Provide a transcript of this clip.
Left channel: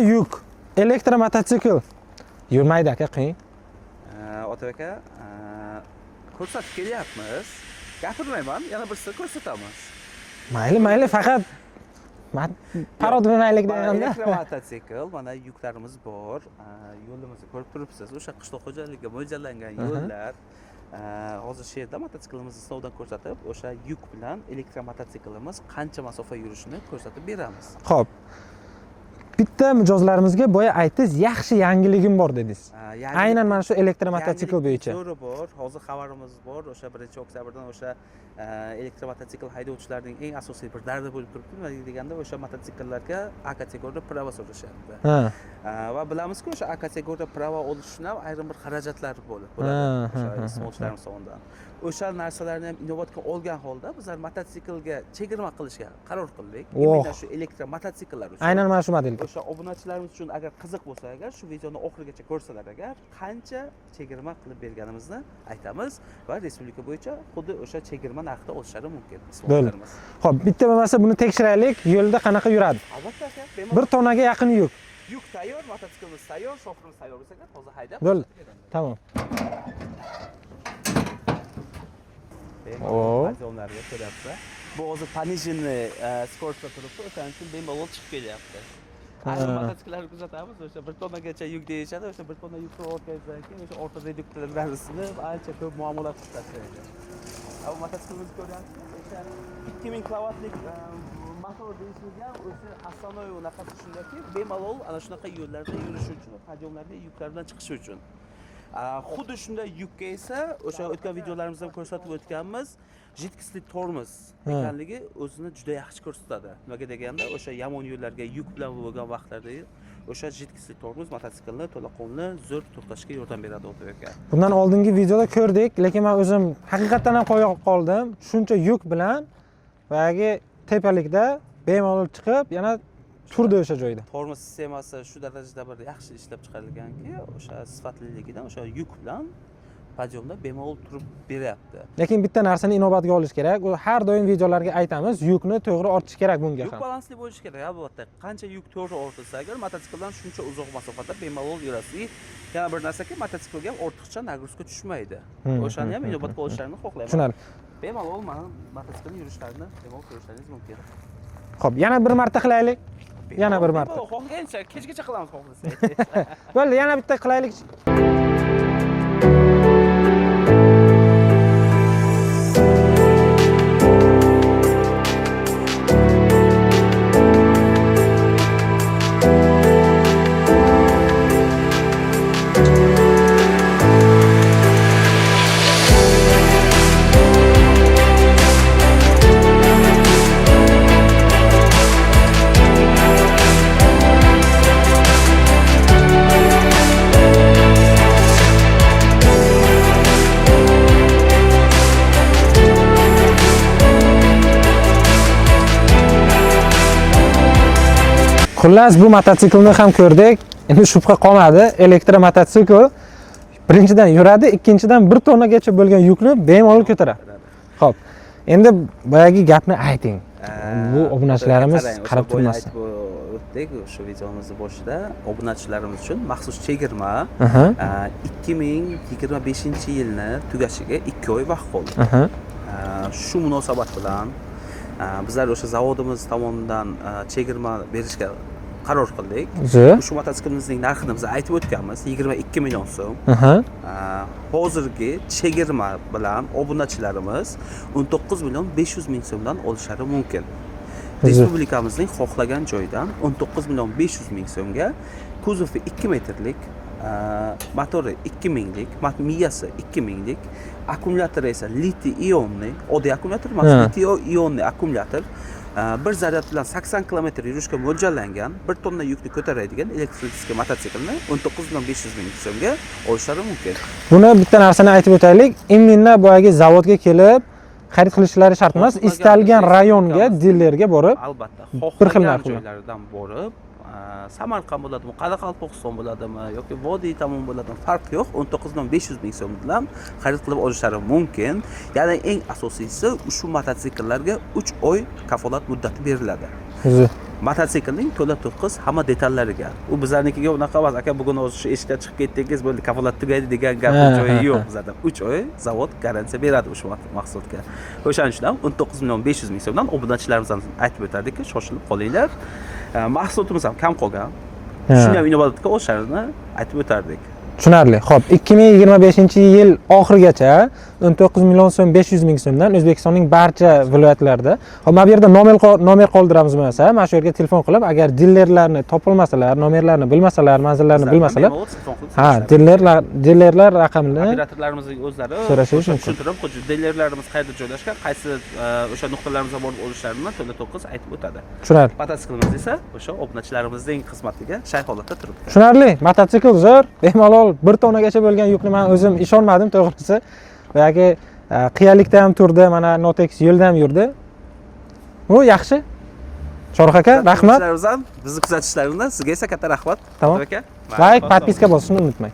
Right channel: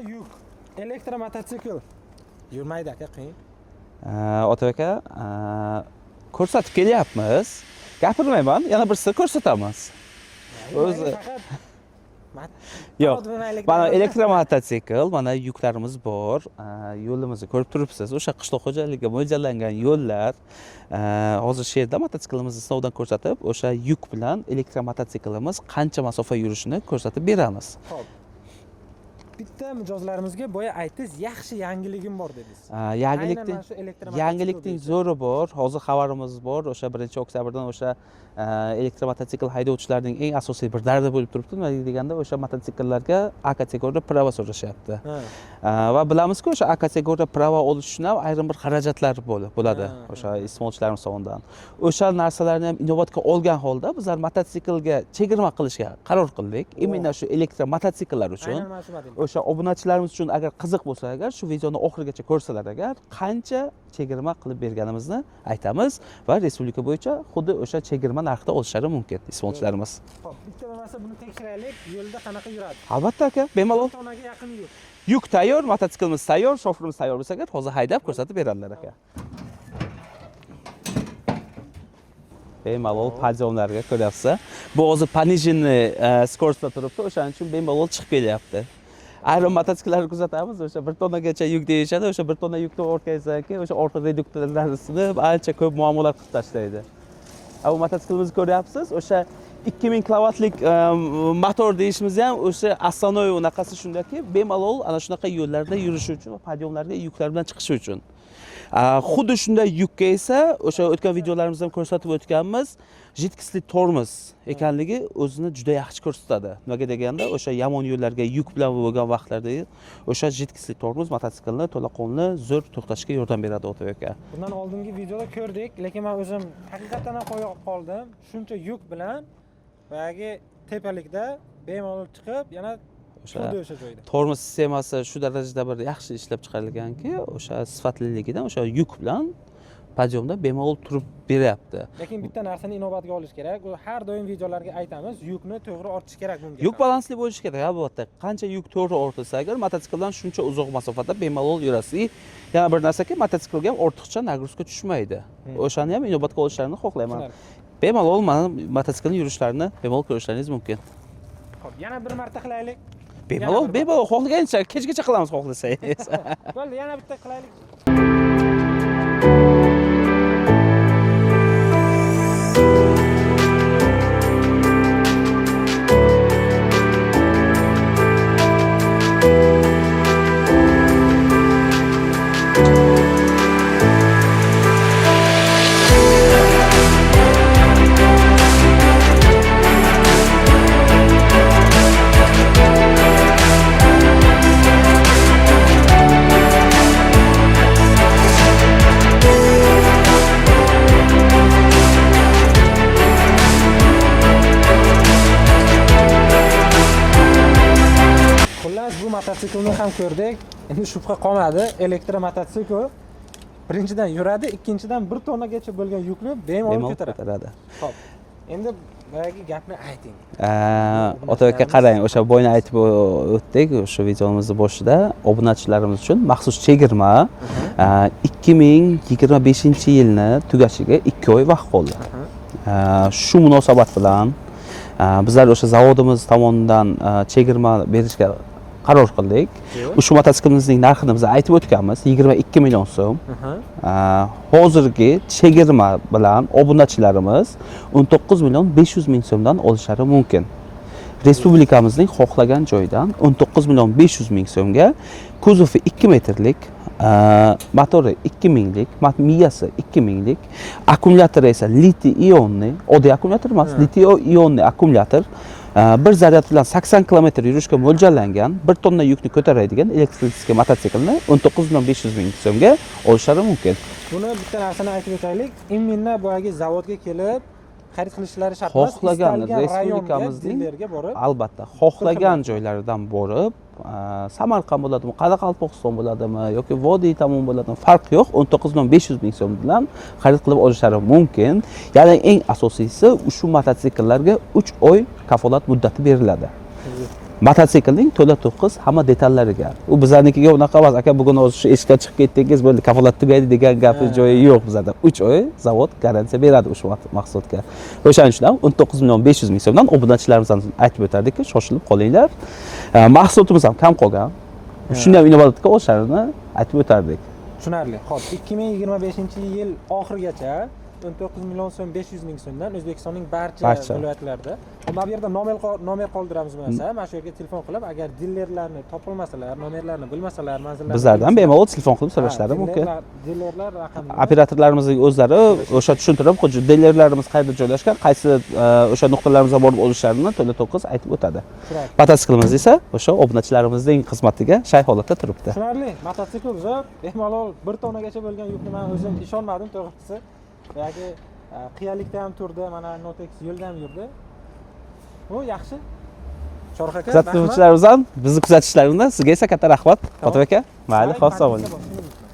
yuk, elektromototsikl yurmaydi aka, qiyin. Ota aka, ko'rsatib kelyapmiz. Gapirmayman, yana bir sir ko'rsatamiz. Mayli, faqat parod bermaylik. Mana elektromototsikl, mana yuklarimiz bor. Yo'limizni ko'rib turibsiz. O'sha qishloq xo'jaligiga mo'ljallangan yo'llar. Hozir shu yerda mototsiklimizni sinovdan ko'rsatib, o'sha yuk bilan elektromototsiklimiz qancha masofa yurishini ko'rsatib beramiz. Xo'p. Bitta mijozlarimizga boya aytdingiz, yaxshi yangiligim bor dedingiz. Aynan mana shu elektromototsikl bo'yicha. Zo'ri bor. Hozir xabarimiz bor. O'sha 1-oktyabrdan o'sha elektromototsikl haydovchilarining eng asosiy bir dardi bo'lib turibdi. Nima deganda o'sha mototsikllarga A kategoriya prava so'rashyapti. Va bilamizki, o'sha A kategoriya prava olish uchun ham ayrim bir xarajatlar bo'ladi. O'sha iste'molchilarimiz tomonidan. O'sha narsalarni ham inobatga olgan holda bizlar mototsiklga chegirma qilishga qaror qildik. Imенно shu elektromototsikllar uchun. Aynan mana shu model. O'sha obunachilarimiz uchun agar qiziq bo'lsa, agar shu videoni oxirigacha ko'rsalar, agar qancha chegirma qilib berganimizni aytamiz va respublika bo'yicha xuddi o'sha chegirma narxda olishlari mumkin iste'molchilarimiz. Xo'p, bitta bo'lmasa buni tekshiraylik, yo'lda qanaqa yuradi? Albatta aka, bemalol. 1 tonnaga yaqin yuk. Yuk tayyor, mototsiklimiz tayyor, shofirimiz tayyor bo'lsa, agar hozir haydab ko'rsatib beradilar. Tamam. Bemalol podiyomlarga ko'ryapsiz. Bu hozir пониженный скоростda turibdi, o'shaning uchun bemalol chiqib kelyapti. Ayrim mototsikllarni kuzatamiz, o'sha 1 tonnagacha yuk deyishadi, o'sha 1 tonna yukni o'tkazgandan keyin o'sha orqa reduktorlarni sinib, ancha ko'p muammolar qilib tashlaydi. Bu mototsiklimizni ko'ryapsiz, o'sha 2000 kilovatlik motor deyishimiz ham o'sha основной unaqasi shundaki, bemalol ana shunaqa yo'llarda yurish uchun, podiyomlarga yuklar bilan chiqish uchun. Xuddi shunday yukka esa o'sha o'tgan videolarimizda ham ko'rsatib o'tganmiz, jidkisli tormoz ekanligi o'zini juda yaxshi ko'rsatadi. Nimaga deganda, o'sha yomon yo'llarga yuk bilan bo'lgan vaqtlarda o'sha jidkisli tormoz mototsiklni to'laqonli zo'r to'xtashga yordam beradi ota aka. Bundan oldingi videoda ko'rdik, lekin men o'zim haqiqatan ham qo'yib qoldim. Shuncha yuk bilan vagi tepalikda bemalol chiqib, yana turdi o'sha joyda. Tormoz sistemasi shu darajada bir yaxshi ishlab chiqarilganki, o'sha sifatliligidan o'sha yuk bilan podiyomda bemalol turib beryapti. Lekin bitta narsani inobatga olish kerak. U har doim videolarga aytamiz, yukni to'g'ri ortish kerak bunga. Yuk balansli bo'lishi kerak, albatta. Qancha yuk to'g'ri ortilsa, agar mototsikldan shuncha uzoq masofada bemalol yurasiz. Yana bir narsaki, mototsiklga ham ortiqcha nagruzka tushmaydi. O'shani ham inobatga olishlarini xohlayman. Tushunarli. Bemalol mana mototsiklning yurishlarini bemalol ko'rishlaringiz mumkin. Xo'p, yana bir marta qilaylik. Bemalol xohlagancha kechgacha qilamiz xohlasangiz. Bo'ldi, yana bitta qilaylik. Xullas, bu mototsiklni ham ko'rdik. Endi shubha qolmadi. Elektromototsikl birinchidan yuradi, ikkinchidan 1 tonnagacha bo'lgan yukni bemalol ko'taradi. Xo'p. Endi boyagi gapni ayting. Bu obunachilarimiz qarang, o'sha boyni aytib o'tdik, o'sha videomizning boshida obunachilarimiz uchun maxsus chegirma 2025-yilni tugashiga 2 oy vaqt qoldi. Shu munosabat bilan bizlar o'sha zavodimiz tomonidan chegirma berishga qaror qildik. Ushbu mototsiklimizning narxini biz aytib o'tganmiz, 22 million so'm. Hozirgi chegirma bilan obunachilarimiz 19 million 500 ming so'mdan olishlari mumkin. Respublikamizning xohlagan joyidan 19 million 500 ming so'mga kuzovi 2 metrlik, motori 2000lik, miyasi 2000lik, akkumulyatori esa litiy-ionli, oddiy akkumulyator emas, litiy-ionli akkumulyator, bir zaryad bilan 80 km yurishga mo'ljallangan, 1 tonna yukni ko'taradigan elektrik mototsiklni 19 million 500 ming so'mga olishlari mumkin. Buni bitta narsani aytib o'taylik, imminna boyagi zavodga kelib xarid qilishlari shart emas, istalgan rayonga, dilerga borib, albatta, xohlagan joylaridan borib, Samarqand bo'ladimi, Qoraqalpog'iston bo'ladimi yoki Vodiy tomon bo'ladimi, farq yo'q, 19 million 500 ming so'm bilan xarid qilib olishlari mumkin. Ya'ni eng asosiysi ushbu mototsikllarga 3 oy kafolat muddati beriladi. mototsiklning to'la to'kis hamma detallariga. U bizlarnikiga unaqa emas. Aka bugun o'zi shu eshikdan chiqib ketdingiz, bo'ldi, kafolat tugaydi degan gapning joyi yo'q bizlarda. 3 oy zavod garantiya beradi o'sha mahsulotga. O'shaning uchun ham 19.500.000 so'mdan obunachilarimizdan aytib o'tardikki, shoshilib qolinglar. Mahsulotimiz ham kam qolgan. Shunday ham inovatga o'sharini aytib o'tardik. Tushunarli. Xo'p, 2025-yil oxirigacha 19 million so'm 500 ming so'mdan O'zbekistonning barcha viloyatlarida. Hop, mana bu yerda nomer qoldiramiz bo'lmasa, mana shu yerga telefon qilib, agar dillerlarni topolmasalar, nomerlarini bilmasalar, manzillarini bilmasalar, bemalol telefon qilib so'rashadi. Dillerlar raqamini operatorlarimizning o'zlari o'sha tushuntirib, dillerlarimiz qayerda joylashgan, qaysi o'sha nuqtalarimizga borib olishlarini to'la to'kis aytib o'tadi. Tushunarli. Mototsiklimiz esa o'sha obunachilarimizning xizmatiga shay holatda turibdi. Tushunarli. Mototsikl zo'r, bemalol 1 tonnagacha bo'lgan yukni men o'zim ishonmadim to'g'risi. Yoki qiyalikda ham turdi, mana Notex yo'lda ham yurdi. Bu yaxshi. Shoruh aka, rahmat. Bizni kuzatishlaringizdan sizga esa katta rahmat. Otabek aka. Like, podpiska bosishni unutmang.